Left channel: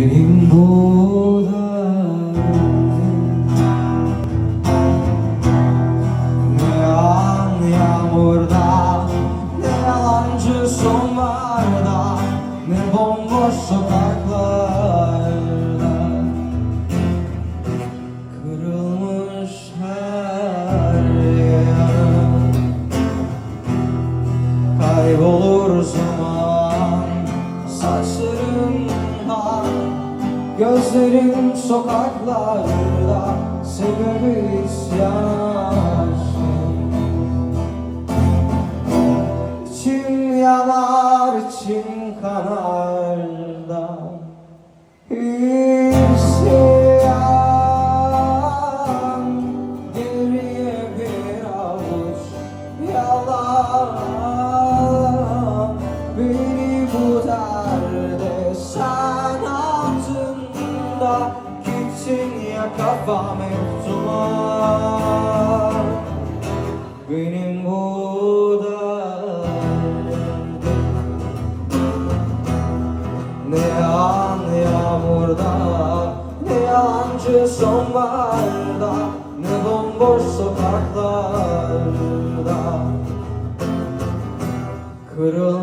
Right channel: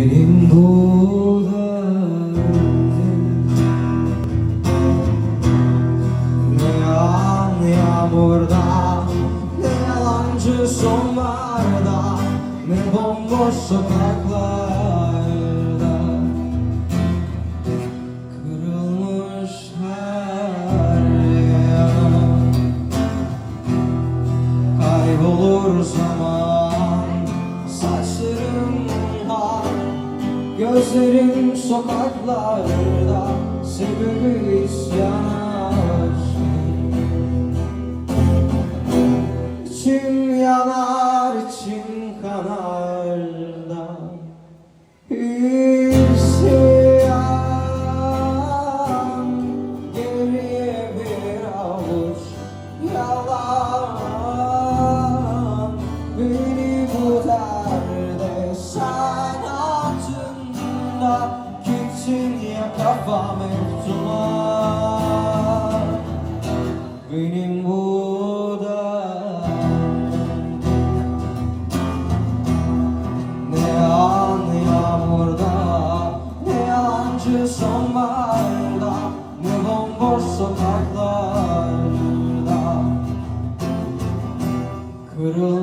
Benim bu derdim Ne yağan yağmurda Ne yalancı sonlarda Ne Kırılmış her yanım Kaybolur Gözlerim sokaklarda Sebebi isyan aşkım İçim yanar, içim kanar da İsyan Geriye bir avuç yalan. Beni bu derde altında Gitsin ya kafam hep Benim bu derdim ne yağan yağmurda Ne yalancı sonbaharda Ne bomboş sokaklarda Kırılmış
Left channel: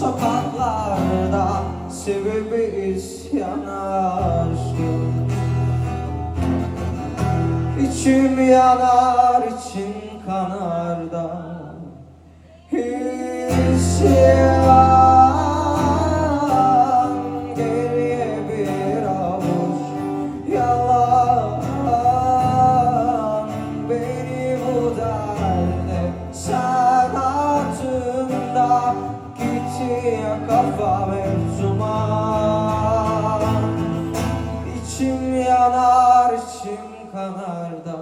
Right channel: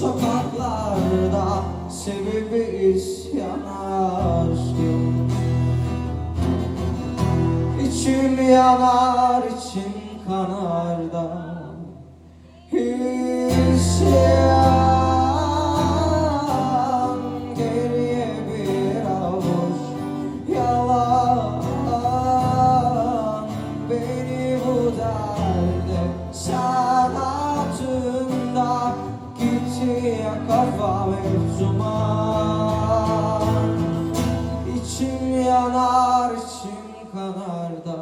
sokaklarda Sebebi isyan aşkım İçim yanar, içim kanar da İsyan İçim yanar, içim kanar da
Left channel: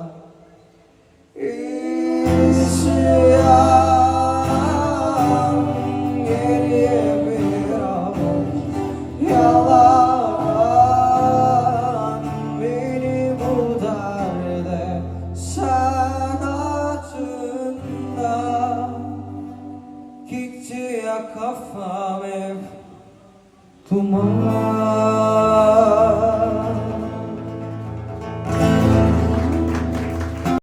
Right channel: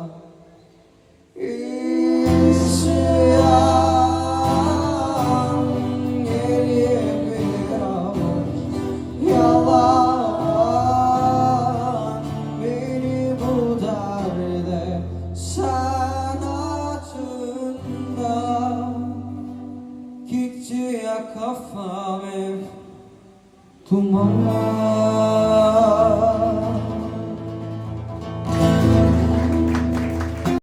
ya kafam ev Tumanlar.